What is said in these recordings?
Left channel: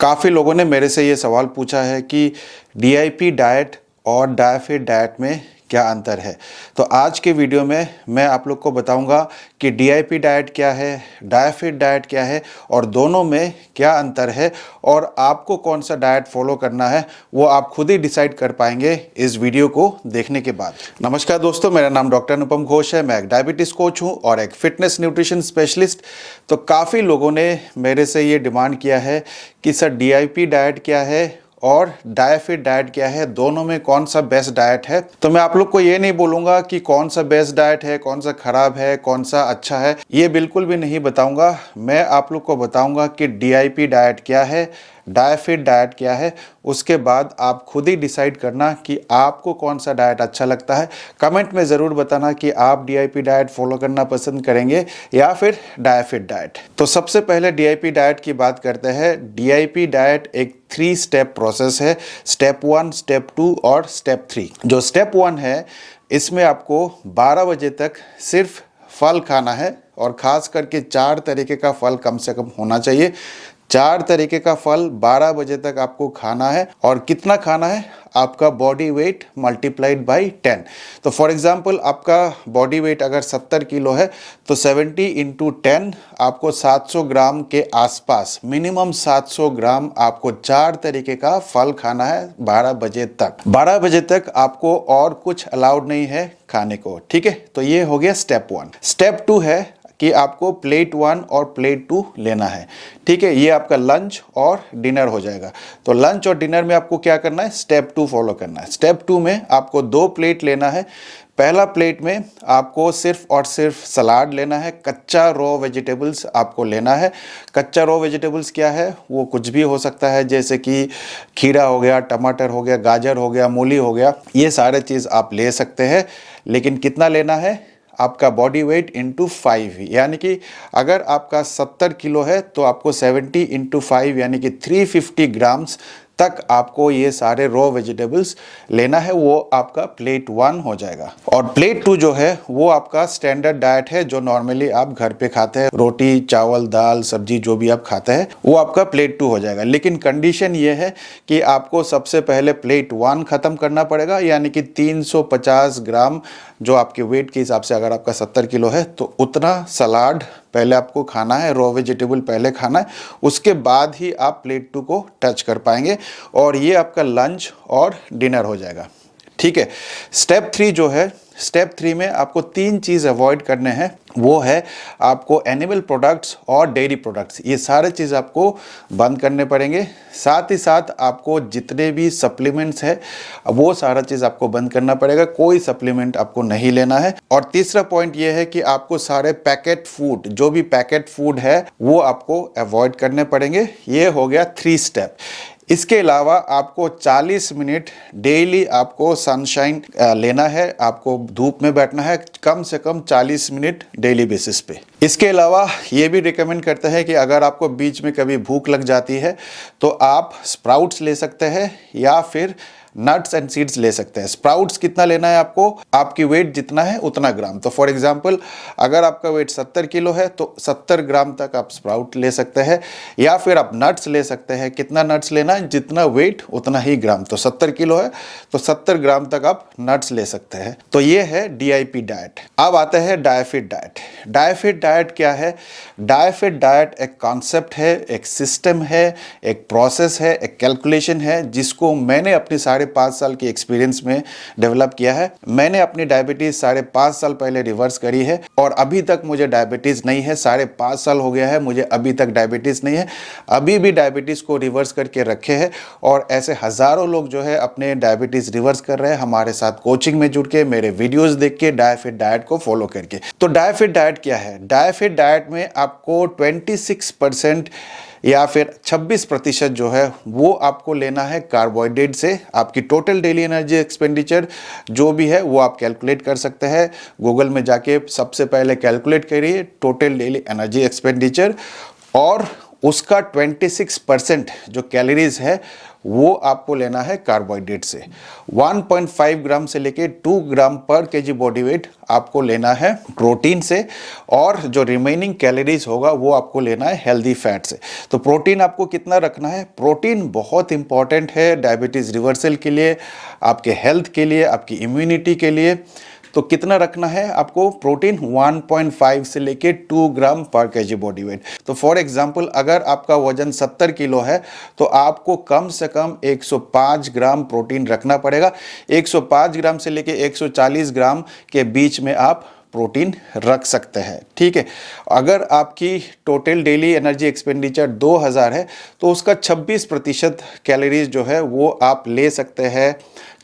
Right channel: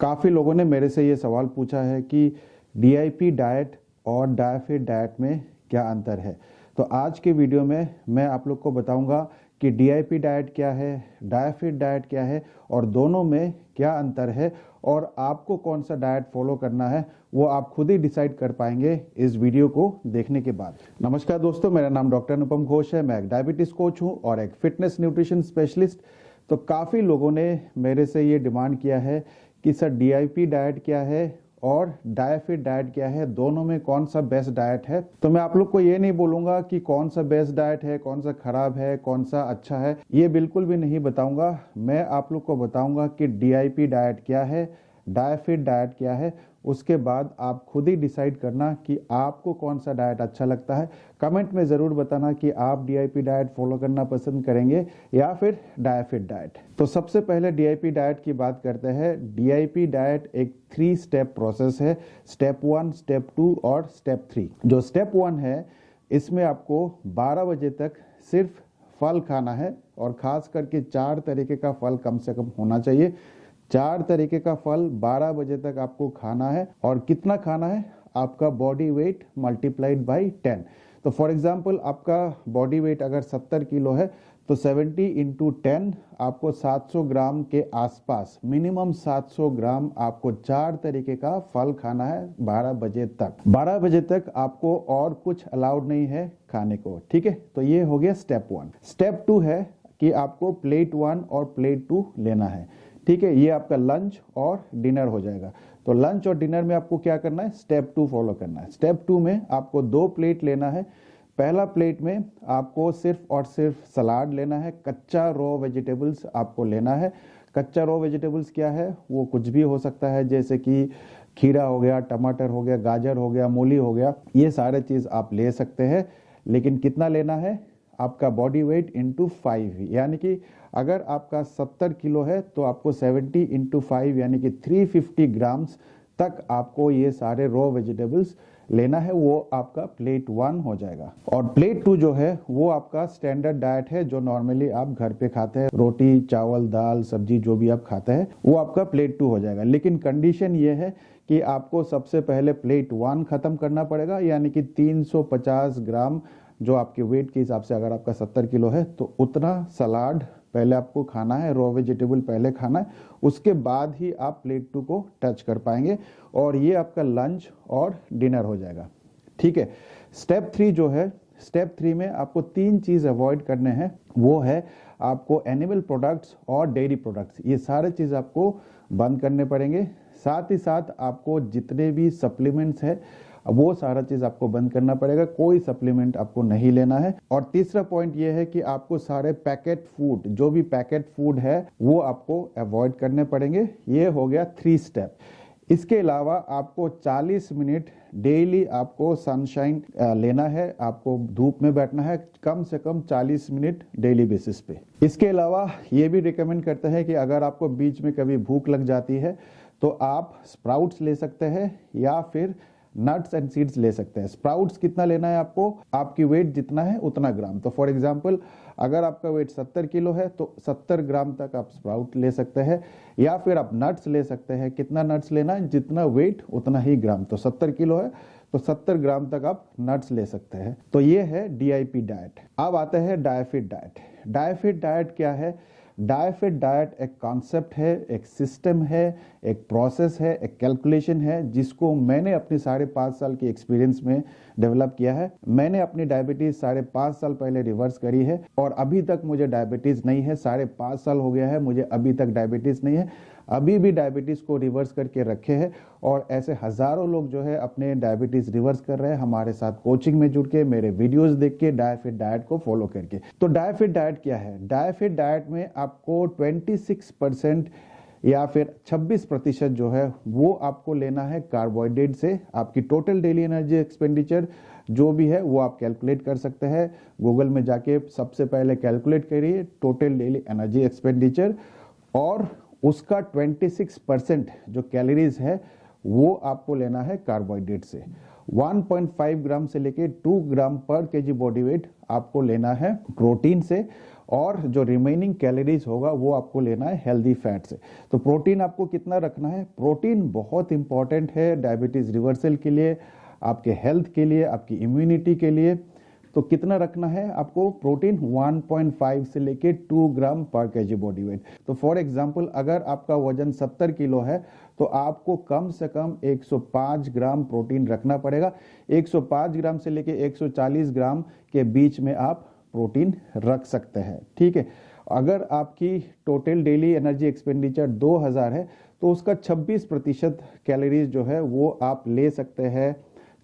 काफ़ी लोगों ने मेरे से ये सवाल पूछा है कि डीआईपी डाइट और डायफिट डाइट में क्या अंतर है। तो आज के वीडियो में मैं आप लोग को बताऊंगा कि डीआईपी डाइट क्या है, डायफिट डाइट क्या है और दोनों में क्या अंतर है और आपको कौन सा डाइट फॉलो करना है वो आप खुद ही डिसाइड कर पाएंगे इस वीडियो को देखने के बाद। नमस्कार दोस्तों, मेरा नाम डॉक्टर अनुपम घोष है। मैं एक डायबिटीज़ कोच हूँ और एक फिटनेस न्यूट्रिशन स्पेशलिस्ट। तो काफ़ी लोगों ने मेरे से ये डिमांड किया है कि सर डीआईपी डाइट क्या है और डायफिट डाइट क्या है, दोनों में कौन सा बेस्ट डाइट है। तो मैं आप लोग को ये नहीं बोलूँगा कि कौन सा बेस्ट डाइट है, कौन सा ख़राब है, कौन सा अच्छा है, ये बिल्कुल भी नहीं बताऊँगा। मैं आप लोग को बताऊँगा कि डीआईपी डाइट क्या है, डायफिट डाइट क्या है। उसके बाद आप खुद ही डिसाइड करना कि आपको कौन सा डाइट अच्छा लगता है। कमेंट में ज़रूर बताना कि आप डीआईपी डाइट फॉलो करना पसंद करेंगे या फिर डायफिट डाइट। तो सबसे पहले डीआईपी डाइट की बात करते हैं। डीआईपी डाइट एक 3 स्टेप प्रोसेस है। स्टेप 1, स्टेप 2 और स्टेप 3। जो स्टेप 1 है इसमें आपको 12 बजे तक सिर्फ फल खाना है और ख़ास करके 4 तरीके का फल कम से कम होना चाहिए। 4 तरीके का फल 12 बजे तक आपको खाना है। और कितना खाना है? आपका बॉडी वेट मल्टीप्लाइड बाई 10। तो फॉर एग्जांपल आपका बॉडी वेट अगर 70 किलो है तो 70 इंटू 10 आपको 700 ग्राम के आसपास, मिनिमम 700 ग्राम आपको 4 तरीके का फल खाना है 12 बजे तक। 12 बजे तक आपको और कुछ अलाउड नहीं है खाने को, ठीक है। तो ये हो गया स्टेप 1। स्टेप 2 है कि आपको प्लेट 1 और प्लेट 2 लेना है, ठीक है। ये आपका लंच और डिनर हो जाएगा। तो लंच और डिनर में आपको क्या करना है? स्टेप 2 फॉलो करना है। स्टेप 2 में आपको 2 प्लेट लेना है। पहला प्लेट में आपको सिर्फ और सिर्फ सलाद लेना है, कच्चा रॉ वेजिटेबल्स आपको लेना है। कच्चा रॉ वेजिटेबल्स क्या है? वो कुछ भी हो सकता है, जैसे कि खीरा हो गया, टमाटर हो गया, गाजर हो गया, मूली हो गया, ये सारे चीज़ आप ले सकते हैं। लेकिन कितना लेना है? आपका बॉडी वेट इंटू 5, यानी कि अगर आपका 70 किलो है तो आपको 70 इंटू 5 यानी कि 350 ग्राम्स तक आपको ये सारे रॉ वेजिटेबल्स लेना है। वो आपका प्लेट 1 हो जाएगा। और प्लेट 2 जो है वो आपका स्टैंडर्ड डाइट है, जो नॉर्मली आप घर पे खाते हैं, रोटी चावल दाल सब्जी जो भी आप खाते हैं, वो आपका प्लेट 2 हो जाएगा। लेकिन कंडीशन ये है कि आपको सबसे पहले प्लेट 1 ख़त्म करना पड़ेगा, यानी कि 350 ग्राम जो आपके वेट के हिसाब से, अगर आपका 70 किलो है तो उतना सलाद पहले आपको खाना है, रॉ वेजिटेबल पहले खाना है। उसके बाद ही आप प्लेट 2 को टच कर पाएंगे और ये आपका लंच और डिनर हो जाएगा, ठीक है। स्टेप 3 जो है, स्टेप 3 में आपको 3 चीज़ अवॉइड करने हैं। वो है आपको एनिमल प्रोडक्ट्स और डेयरी प्रोडक्ट्स, ये सारे चीज़ आपको बंद करने पड़ेंगे। साथ ही साथ आपको जितने भी सप्लीमेंट्स है वो सारा चीज़ आपको बंद करना पड़ेगा। कोई सप्लीमेंट आपको नहीं लेना है। और तीसरा पॉइंट ये है कि आपको सारे पैकेट फूड, जो भी पैकेट फूड है वो आपको अवॉइड करने पड़ेंगे। ये हो गया 3 स्टेप। इसके अलावा आपको 40 मिनट डेली आपको सनशाइन लेना है, आपको धूप में बैठना है कम से कम 40 मिनट डेली बेसिस पे। इसके अलावा ये भी रिकमेंड करते हैं कि अगर आपको बीच में कभी भूख लग जाती है तो आप स्प्राउट्स ले सकते हैं या फिर नट्स एंड सीड्स ले सकते हैं। स्प्राउट्स कितना लेना है आपको? आपकी वेट जितना है उतना ग्राम। तो फॉर एग्जांपल अगर आपका वेट 70 किलो है तो 70 ग्राम तक आप स्प्राउट ले सकते हैं, या फिर आप नट्स ले सकते हैं। कितना नट्स लेना है? जितना वेट उतना ही ग्राम। तो 70 किलो है तो 70 ग्राम तक आप नट्स ले सकते हैं। तो ये है डीआईपी डाइट। अब आते हैं डायफिट डाइट। डायफिट डाइट क्या है? डायफिट डाइट एक कॉन्सेप्ट है, एक सिस्टम है, एक प्रोसेस है, एक कैलकुलेशन है, जिसको मैंने अपने 5.5 साल की एक्सपीरियंस में डेवलप किया है। मैंने अपनी डायबिटीज़ 5.5 साल पहले रिवर्स करी है और अभी तक मुझे डायबिटीज़ नहीं है। 5.5 साल हो गया है, मुझे अभी तक डायबिटीज़ नहीं है। अभी भी डायबिटीज़ को रिवर्स करके रखे हैं और ऐसे हज़ारों लोग जो है अपने डायबिटीज़ रिवर्स कर रहे हैं हमारे साथ कोचिंग में जुड़ के, मेरे वीडियोस देख के, डायफिट डाइट को फॉलो करके। तो डायफिट डाइट क्या है? डायफिट डाइट में आपको 26% या फिर 26% जो है वो आपको लेना है कार्बोहाइड्रेट से। आपकी टोटल डेली एनर्जी एक्सपेंडिचर जो भी है वो आप कैलकुलेट कर सकते हैं। गूगल में जाके सबसे पहले कैलकुलेट करिए टोटल डेली एनर्जी एक्सपेंडिचर और उसका 26% जो कैलोरीज है वो आपको लेना है कार्बोहाइड्रेट से। 1.5 ग्राम से लेके 2 ग्राम पर केजी बॉडी वेट आपको लेना है प्रोटीन से, और जो रिमेनिंग कैलोरीज होगा वो आपको लेना है हेल्दी फैट से। तो प्रोटीन आपको कितना रखना है? प्रोटीन बहुत इंपॉर्टेंट है डायबिटीज़ रिवर्सल के लिए, आपके हेल्थ के लिए, आपकी इम्यूनिटी के लिए। तो कितना रखना है आपको? प्रोटीन 1.5 से लेके 2 ग्राम पर केजी बॉडी वेट। तो फॉर एग्जांपल अगर आपका वजन 70 किलो है तो आपको कम से कम 105 ग्राम प्रोटीन रखना पड़ेगा। 105 ग्राम से लेके 140 ग्राम के बीच में आप प्रोटीन रख सकते हैं, ठीक है। अगर आपकी टोटल डेली एनर्जी एक्सपेंडिचर 2000 है तो उसका 26% कैलोरीज जो है वो आप ले सकते हैं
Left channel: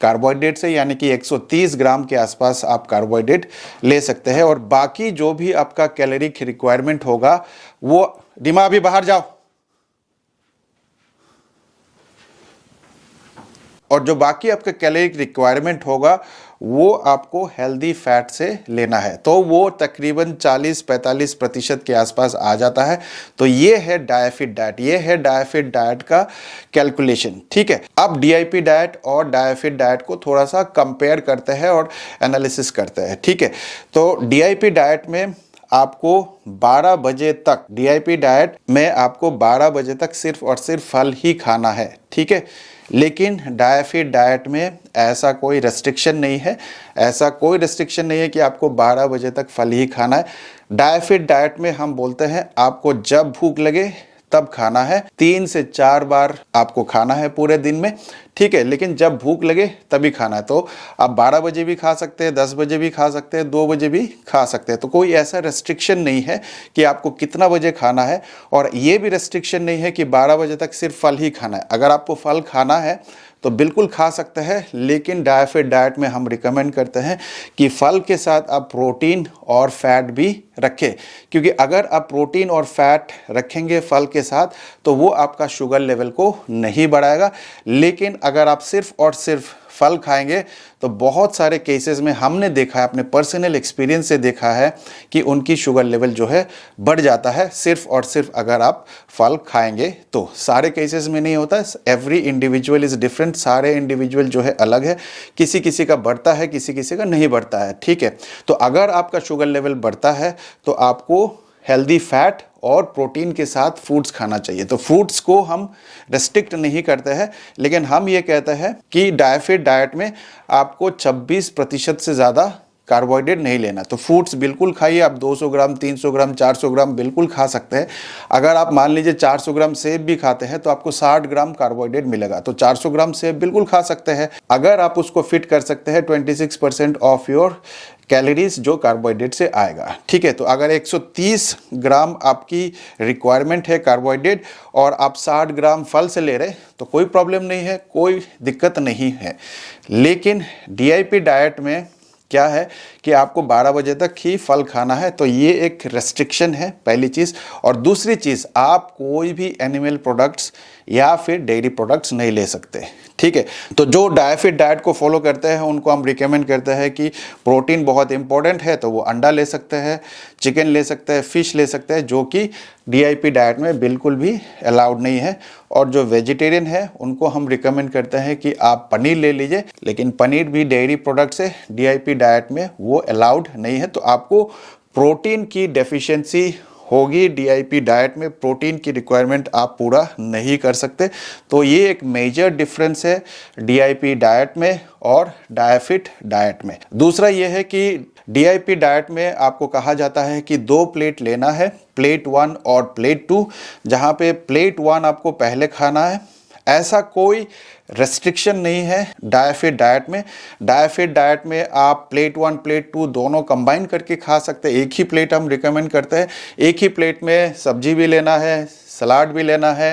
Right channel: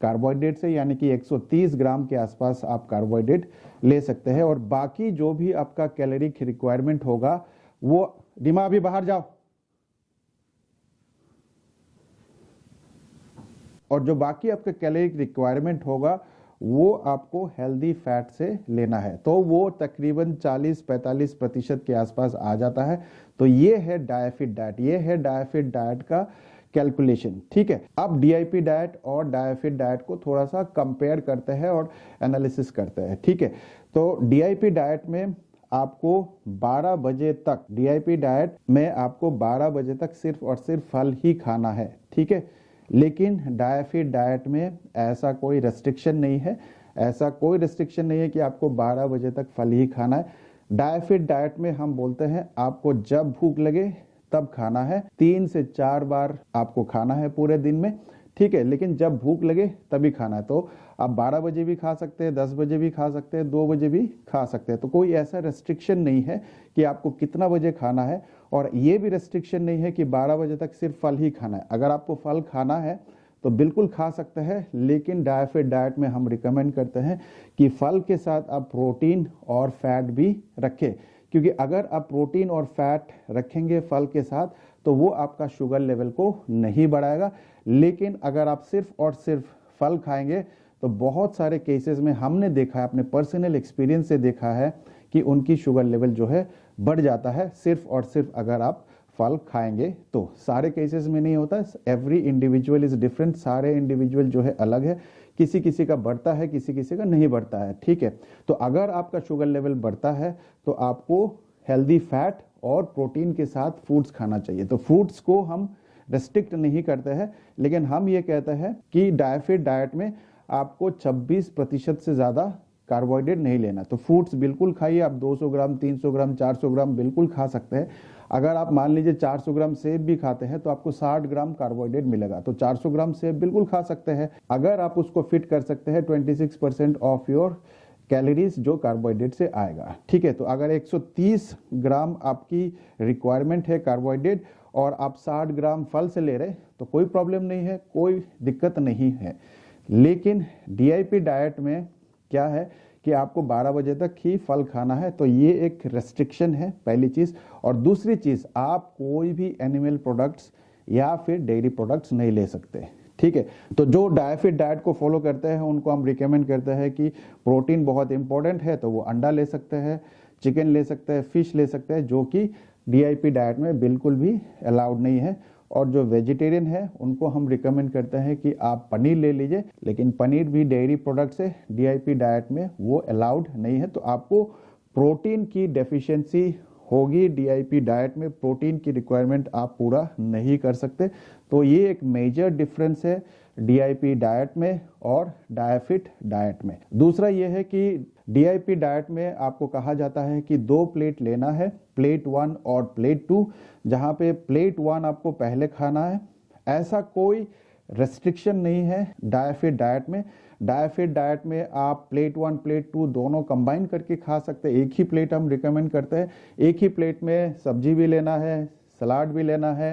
कार्बोहाइड्रेट से, यानी कि 130 ग्राम के आसपास आप कार्बोहाइड्रेट ले सकते हैं। और बाकी जो भी आपका कैलोरी रिक्वायरमेंट होगा वो, डिमा अभी बाहर जाओ, और जो बाकी आपका कैलोरी रिक्वायरमेंट होगा वो आपको हेल्दी फैट से लेना है। तो वो तकरीबन 40-45% के आसपास आ जाता है। तो ये है डायफिट डाइट, ये है डायफिट डाइट का कैलकुलेशन, ठीक है। अब डीआईपी डाइट और डायफिट डाइट को थोड़ा सा कंपेयर करते हैं और एनालिसिस करते हैं, ठीक है। तो डीआईपी डाइट में आपको 12 बजे तक, डीआईपी डाइट में आपको 12 बजे तक सिर्फ और सिर्फ फल ही खाना है, ठीक है। लेकिन डायफिट डाइट में ऐसा कोई रेस्ट्रिक्शन नहीं है, ऐसा कोई रेस्ट्रिक्शन नहीं है कि आपको 12 बजे तक फल ही खाना है। डायफिट डाइट में हम बोलते हैं आपको जब भूख लगे तब खाना है, 3 से 4 बार आपको खाना है पूरे दिन में, ठीक है। लेकिन जब भूख लगे तभी खाना है। तो आप 12 बजे भी खा सकते हैं, 10 बजे भी खा सकते हैं, 2 बजे भी खा सकते हैं। तो कोई ऐसा रेस्ट्रिक्शन नहीं है कि आपको कितना बजे खाना है, और ये भी रेस्ट्रिक्शन नहीं है कि 12 बजे तक सिर्फ फल ही खाना है। अगर आपको फल खाना है तो बिल्कुल खा सकते हैं, लेकिन डायफिट डाइट में हम रिकमेंड करते हैं कि फल के साथ आप प्रोटीन और फैट भी रखें, क्योंकि अगर आप प्रोटीन और फैट रखेंगे फल के साथ तो वो आपका शुगर लेवल को नहीं बढ़ाएगा। लेकिन अगर आप सिर्फ और सिर्फ फल खाएंगे तो बहुत सारे केसेस में हमने देखा है, अपने पर्सनल एक्सपीरियंस से देखा है कि उनकी शुगर लेवल जो है बढ़ जाता है सिर्फ और सिर्फ अगर आप फल खाएंगे तो। सारे केसेस में नहीं होता, एवरी इंडिविजुअल इज़ डिफरेंट, सारे इंडिविजुअल जो है अलग है, किसी किसी का बढ़ता है, किसी किसी का नहीं बढ़ता है, ठीक है। तो अगर आपका शुगर लेवल बढ़ता है तो आपको हेल्दी फैट और प्रोटीन के साथ फ्रूट्स खाना चाहिए। तो फ्रूट्स को हम रेस्ट्रिक्ट नहीं करते हैं, लेकिन हम ये कहते हैं कि डायफिट डाइट में आपको 26% से ज़्यादा कार्बोहाइड्रेट नहीं लेना। तो फ्रूट्स बिल्कुल खाइए, आप 200 ग्राम, 300 ग्राम, 400 ग्राम बिल्कुल खा सकते हैं। अगर आप मान लीजिए 400 ग्राम सेब भी खाते हैं तो आपको 60 ग्राम कार्बोहाइड्रेट मिलेगा। तो 400 ग्राम सेब बिल्कुल खा सकते हैं, अगर आप उसको फिट कर सकते हैं 26% ऑफ योर कैलोरीज जो कार्बोहाइड्रेट से आएगा, ठीक है। तो अगर 130 ग्राम आपकी रिक्वायरमेंट है कार्बोहाइड्रेट और आप 60 ग्राम फल से ले रहे तो कोई प्रॉब्लम नहीं है, कोई दिक्कत नहीं है। लेकिन डीआईपी डाइट में क्या है कि आपको 12 बजे तक ही फल खाना है, तो ये एक रेस्ट्रिक्शन है पहली चीज़। और दूसरी चीज़, आप कोई भी एनिमल प्रोडक्ट्स या फिर डेयरी प्रोडक्ट्स नहीं ले सकते, ठीक है। तो जो डायफिट डाइट को फॉलो करते हैं उनको हम रिकमेंड करते हैं कि प्रोटीन बहुत इंपॉर्टेंट है तो वो अंडा ले सकते हैं, चिकन ले सकते हैं, फिश ले सकते हैं, जो कि डीआईपी डाइट में बिल्कुल भी अलाउड नहीं है। और जो वेजिटेरियन है उनको हम रिकमेंड करते हैं कि आप पनीर ले लीजिए, लेकिन पनीर भी डेयरी प्रोडक्ट्स है, डीआईपी डाइट में वो अलाउड नहीं है। तो आपको प्रोटीन की डेफिशिएंसी होगी डीआईपी डाइट में, प्रोटीन की रिक्वायरमेंट आप पूरा नहीं कर सकते। तो ये एक मेजर डिफरेंस है डीआईपी डाइट में और डायफिट डाइट में। दूसरा ये है कि डीआईपी डाइट में आपको कहा जाता है कि 2 प्लेट लेना है, प्लेट 1 और प्लेट 2, जहाँ पे प्लेट 1 आपको पहले खाना है। ऐसा कोई रेस्ट्रिक्शन नहीं है डायफिट डाइट में। डायफिट डाइट में आप प्लेट 1 प्लेट 2 दोनों कंबाइन करके खा सकते हैं। एक ही प्लेट हम रिकमेंड करते हैं, एक ही प्लेट में सब्जी भी लेना है, सलाद भी लेना है,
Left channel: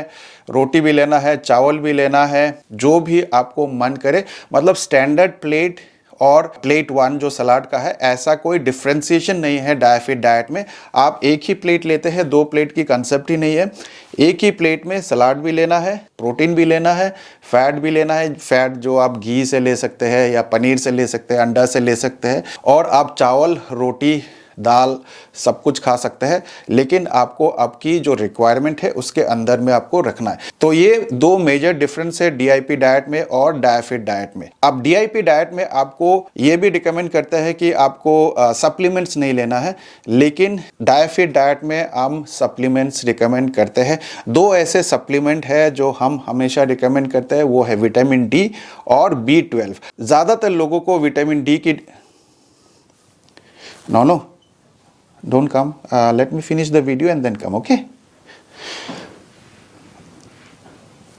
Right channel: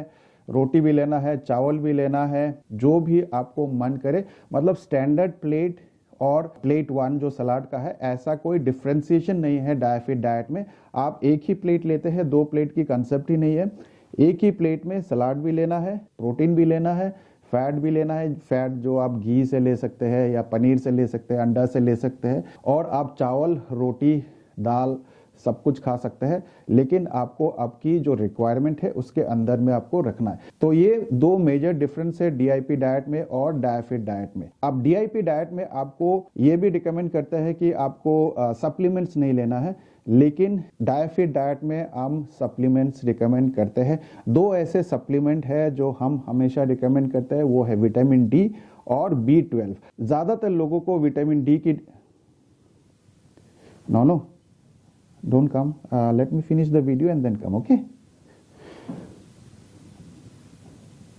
रोटी भी लेना है, चावल भी लेना है, जो भी आपको मन करे। मतलब स्टैंडर्ड प्लेट और प्लेट 1 जो सलाद का है, ऐसा कोई डिफ्रेंसिएशन नहीं है डायफिट डाइट में। आप एक ही प्लेट लेते हैं, 2 प्लेट की कंसेप्ट ही नहीं है। एक ही प्लेट में सलाद भी लेना है, प्रोटीन भी लेना है, फैट भी लेना है। फैट जो आप घी से ले सकते हैं या पनीर से ले सकते हैं, अंडा से ले सकते हैं। और आप चावल, रोटी दाल सब कुछ खा सकते हैं, लेकिन आपको आपकी जो रिक्वायरमेंट है उसके अंदर में आपको रखना है। तो ये दो मेजर डिफरेंस है डीआईपी डाइट में और डायफिट डाइट में। अब डीआईपी डाइट में आपको ये भी रिकमेंड करता है कि आपको सप्लीमेंट्स नहीं लेना है, लेकिन डायफिट डाइट में हम सप्लीमेंट्स रिकमेंड करते हैं। दो ऐसे सप्लीमेंट है जो हम हमेशा रिकमेंड करते हैं, वो है विटामिन डी और B12। ज़्यादातर लोगों को विटामिन डी की no don't come, let me finish the video and then come, okay?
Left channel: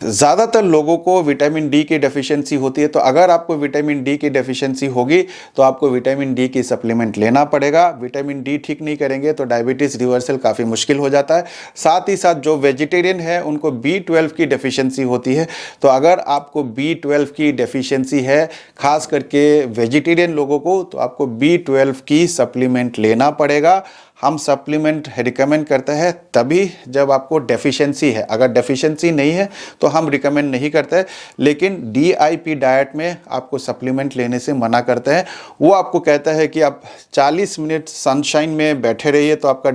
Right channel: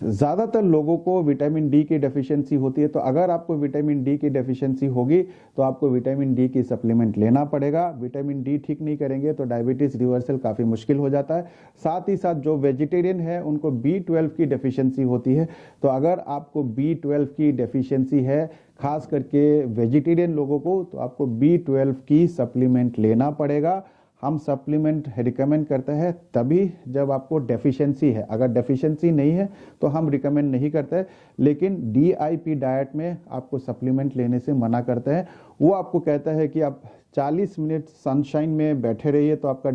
ज़्यादातर लोगों को विटामिन डी की डेफिशिएंसी होती है, तो अगर आपको विटामिन डी की डेफिशिएंसी होगी तो आपको विटामिन डी की सप्लीमेंट लेना पड़ेगा। विटामिन डी ठीक नहीं करेंगे तो डायबिटीज़ रिवर्सल काफ़ी मुश्किल हो जाता है। साथ ही साथ जो वेजिटेरियन है उनको B12 की डेफिशिएंसी होती है, तो अगर आपको B12 की डेफिशिएंसी है, खास करके वेजिटेरियन लोगों को, तो आपको B12 की सप्लीमेंट लेना पड़ेगा। हम सप्लीमेंट रिकमेंड करते हैं तभी जब आपको डेफिशिएंसी है, अगर डेफिशिएंसी नहीं है तो हम रिकमेंड नहीं करते। लेकिन डीआईपी डाइट में आपको सप्लीमेंट लेने से मना करते हैं। वो आपको कहता है कि आप 40 मिनट सनशाइन में बैठे रहिए तो आपका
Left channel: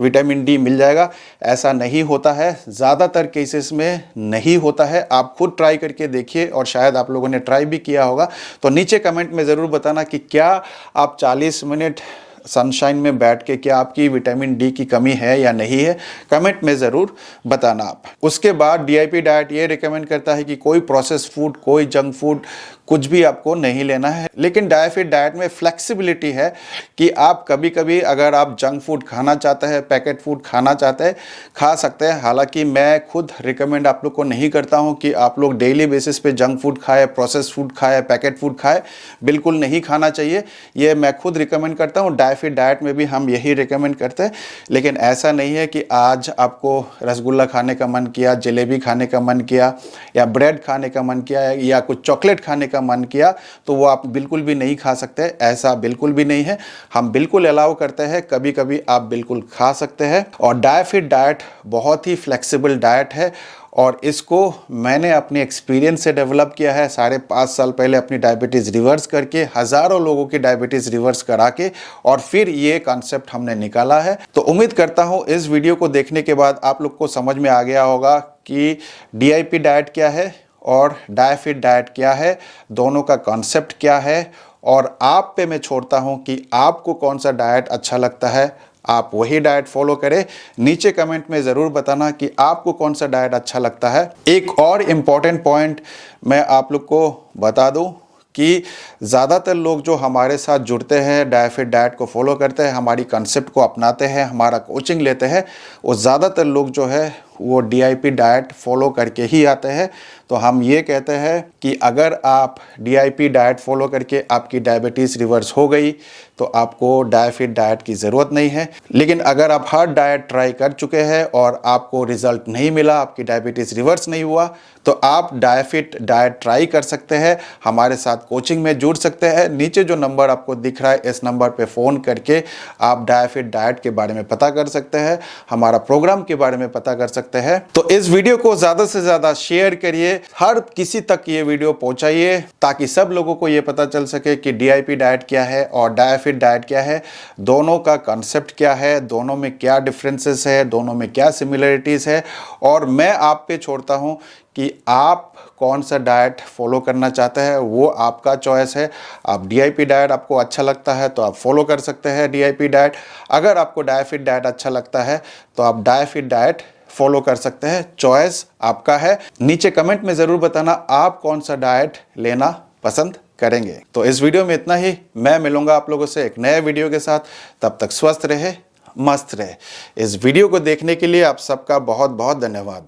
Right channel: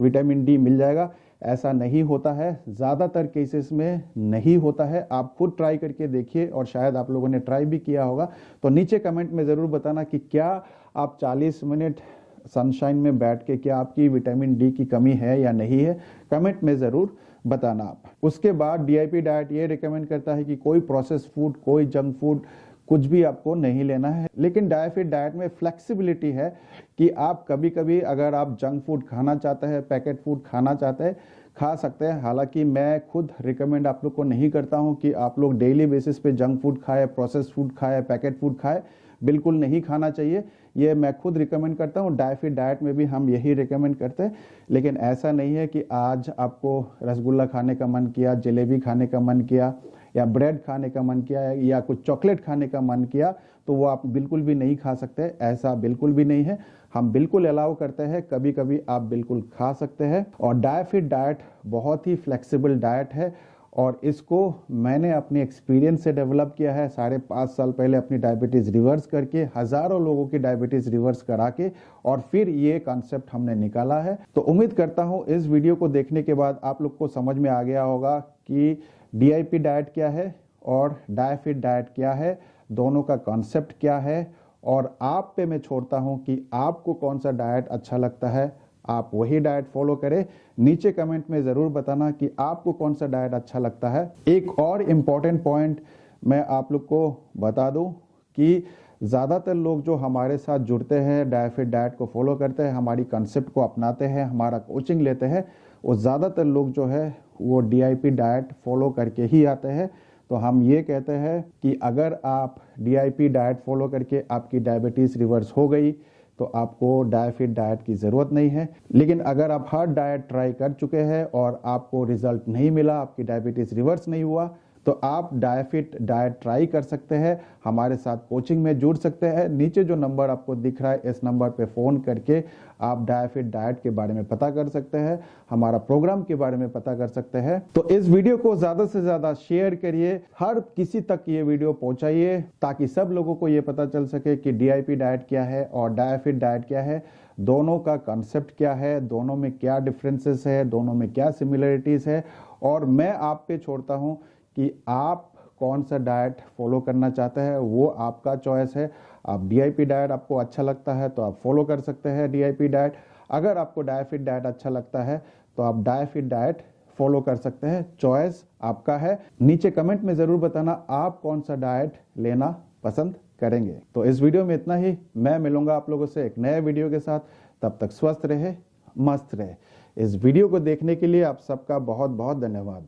विटामिन डी मिल जाएगा। ऐसा नहीं होता है, ज़्यादातर केसेस में नहीं होता है। आप खुद ट्राई करके देखिए, और शायद आप लोगों ने ट्राई भी किया होगा। तो नीचे कमेंट में ज़रूर बताना कि क्या आप 40 मिनट सनशाइन में बैठ के क्या आपकी विटामिन डी की कमी है या नहीं है, कमेंट में ज़रूर बताना आप। उसके बाद डीआईपी डाइट ये रिकमेंड करता है कि कोई प्रोसेस्ड फूड, कोई जंक फूड कुछ भी आपको नहीं लेना है। लेकिन डायफिट डाइट में फ्लेक्सिबिलिटी है कि आप कभी कभी अगर आप जंक फूड खाना चाहते हैं, पैकेट फूड खाना चाहते हैं, खा सकते हैं। हालांकि मैं खुद रिकमेंड आप लोग को नहीं करता हूं कि आप लोग डेली बेसिस पे जंक फूड खाए, प्रोसेस्ड फूड खाए, पैकेट फूड खाए, बिल्कुल नहीं खाना चाहिए। ये मैं खुद रिकमेंड करता हूँ। डायफिट डाइट में भी हम यही रिकमेंड करते हैं। लेकिन ऐसा नहीं है कि आज आपको रसगुल्ला खाने का मन किया, जलेबी खाने का मन किया, या ब्रेड खाने का मन किया, या कुछ चॉकलेट खाने का मन किया तो वो आप बिल्कुल भी नहीं खा सकते। ऐसा बिल्कुल भी नहीं है। हम बिल्कुल अलाउ करते हैं, कभी कभी आप बिल्कुल खा सकते हैं। और डायफिट डाइट बहुत ही फ्लेक्सिबल डाइट है, और इसको मैंने अपने एक्सपीरियंस से डेवलप किया है। 5.5 साल पहले अपनी डायबिटीज़ रिवर्स करके, हज़ारों लोगों की डायबिटीज़ रिवर्स करा के, और फिर ये कॉन्सेप्ट हमने निकाला है। तो उम्मीद करता हूँ इस वीडियो को देखने के बाद आप लोग को समझ में आ गया होगा कि डीआईपी डाइट क्या है और डायफिट डाइट क्या है, दोनों का कॉन्सेप्ट क्या है। और आप पे मैं छोड़ता हूँ कि आपको कौन सा डाइट अच्छा लगता है, आप वही डाइट फॉलो करें। नीचे कमेंट में ज़रूर बताना कि आपको कौन सा डाइट अच्छा लगता है। एक और इम्पॉर्टेंट पॉइंट मैं आप लोग को बता दूं कि ज़्यादातर लोग जो हमारे साथ जुड़ते हैं, डायफिट डाइट को फॉलो करते हैं, हमारी कंसेप्ट को अपनाते हैं, हमारा कोचिंग लेते हैं, वो ज़्यादातर लोग जो है वो डीआईपी डाइट फॉलो करके ही आते हैं। तो हम ये कहते हैं कि अगर आप डीआईपी डाइट फॉलो करके आपकी डायबिटीज़ रिवर्स हो गई तो आपको डायफिट डाइट की ज़रूरत नहीं है। लेकिन अगर आप हर डाइट ट्राई कर चुके हैं और आपको रिज़ल्ट नहीं मिला, आपकी डायबिटीज़ रिवर्स नहीं हुआ, तो आप डायफिट डाइट ट्राई कर सकते हैं, हमारे साथ कोचिंग में जुड़ सकते हैं। नीचे जो नंबर आपको दिख रहा है, इस नंबर पे फ़ोन करके आप डायफिट डाइट के बारे में पता कर सकते हैं, हमारा प्रोग्राम के बारे में पता कर सकते हैं। तो इस वीडियो को ज़्यादा से ज़्यादा शेयर करिए, हर किसी तक ये वीडियो पहुँचाइए, ताकि सब लोगों को ये पता चल सके कि डीआईपी डाइट क्या है और डायफिट डाइट क्या है, दोनों का कंसेप्ट क्या है, दोनों में क्या डिफरेंसेस है, दोनों में क्या सिमिलरिटीज़ है। और मैं आप पे छोड़ता हूँ कि आप कौन सा डाइट फॉलो करना चाहते हैं, वो आपका चॉइस है। आप डीआईपी डाइट आपको अच्छा लगता है तो आप फॉलो कर सकते हैं डीआईपी डाइट। अगर आपको डायफिट डाइट अच्छा लगता है तो आप डायफिट डाइट फॉलो कर सकते हैं। चॉइस आपका है। नीचे कमेंट में ज़रूर बताना आप कौन सा डाइट लेना पसंद करेंगे। तो इस वीडियो में इतना ही। मैं मिलूंगा आप लोगों से एक नए वीडियो के साथ। तब तक स्वस्थ रहे, मस्त रहे। इस वीडियो को देखने के लिए आप सबका बहुत बहुत धन्यवाद।